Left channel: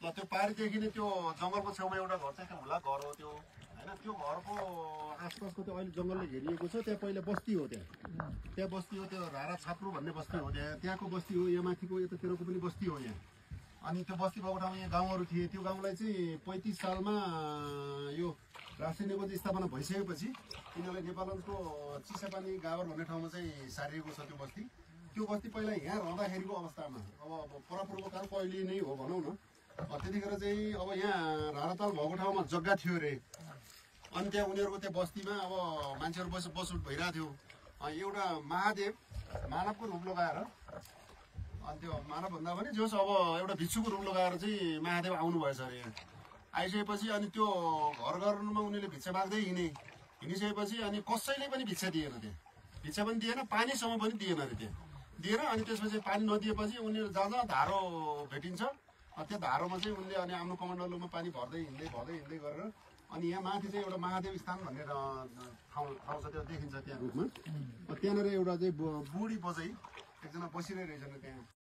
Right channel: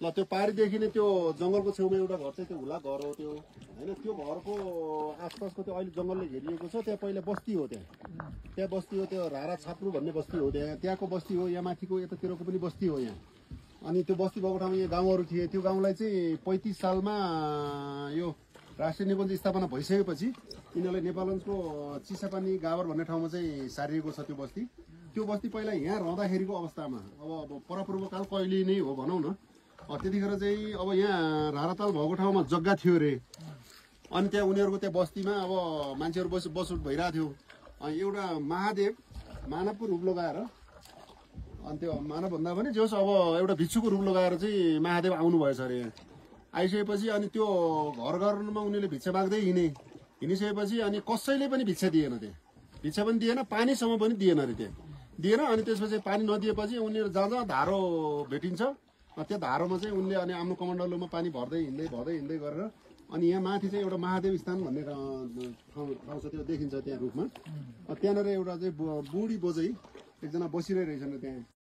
ल त्यो पारीदेखि नै त्यो जंगलको छेउमा एउटा घर चाहिँ त्यो हुला घर हो त्यो हैन त्यो घरको आसपासको त्यो अहिले जंगलले घेरिएको छ त्यहाँ पहिला बस्ती हो त्यहाँ बस्ती हो त्यो रारा छाप्रु भन्ने बस्ती हो त्यहाँको बस्ती हो यहाँ माथिको यतातिरको पनि बस्ती हो यहाँ अनि त्यो बस्ती भएको ठाउँमा यहाँ गाउँहरू थिए त्यो गाउँलाई चाहिँ 35 सालमा यो राष्ट्रिय निकुञ्ज स्थापना भइसकेपछि यिनीहरूलाई नेपालगञ्जको चिसापानी गावर भन्ने ठाउँमा चाहिँ सारिएको छ त्यो बस्ती पहिला यहाँ रहँदाखेरिको अवस्थामा अब परपूर्वकाल कहिले नै हो भनौँ न त्यतिखेर चाहिँ अब यहाँ राराताल भएको ठाउँमा जग्गा थियो रे अनि त्यहाँ उनीहरूको त्यहाँ बस्तीमा अब मान्छेहरू बसोट भइरहेको थियो एउटा महादेव मानवको रूप लगाएर अनि त्यो मानव भन्दा पनि जोस् अब एउटा भिक्षुको रूप लगाएर चाहिँ महादेव आउनु भएछ अरे यहाँ आइसकेपछि अनि त्यो घर घरमा उनीहरूले भिक्षा माग्दै हिँडिसकेपछि अनि कसैले पनि भिक्षा दिएन त्यहाँ भिक्षा पनि दिएन पानीसम्म पनि दिएन अरे त्यहाँ दिएन अनि त्यसपछि पानी नदिएपछि उनीहरू जहाँ धारो भेटिन्छ त्यो धारोमा चाहिँ उनले अनि आफ्नो कमण्डलुमा पानी भर्दै हिँड्दै गरेर अनि यहाँ माथि चाहिँ एउटा महादेव स्थान भन्ने ठाउँ छ त्यो देखिन्छ त्यहाँ रुखमा त्यहाँनिर एउटा चाहिँ बुढी बोजै एकजना बसिरहेछन् त्यहाँ